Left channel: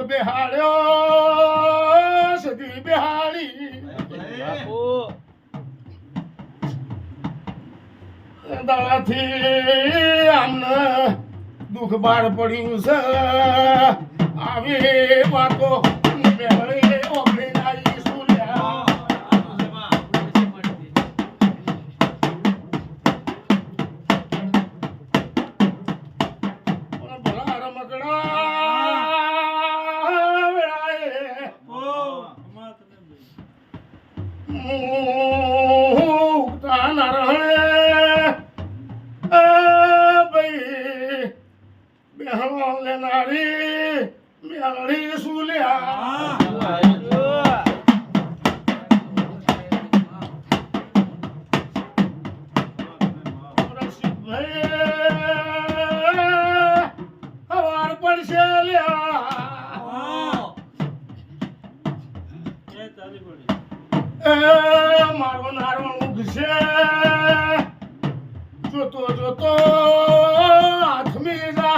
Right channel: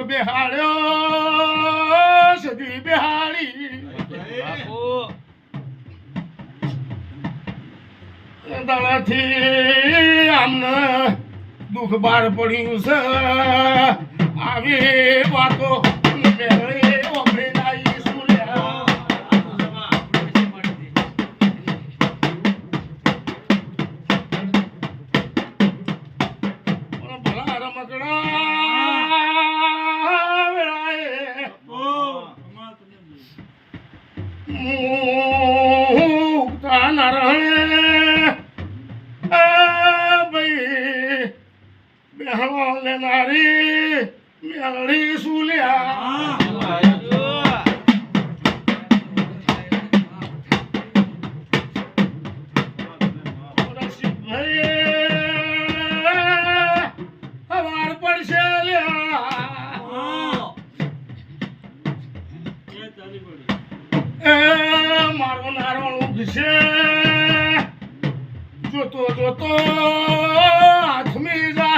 કોક બેહાડ્યો સદી બેહાડી દાડાથી આમને દુઃખ બાર પડ્યું છે. આવી વાતો મુક્તા નારણે રહે ભાઈ બેહણો લેનારી લ્યા. મારો નારો ઉગશે. જોતો જોતો હાથમી જા.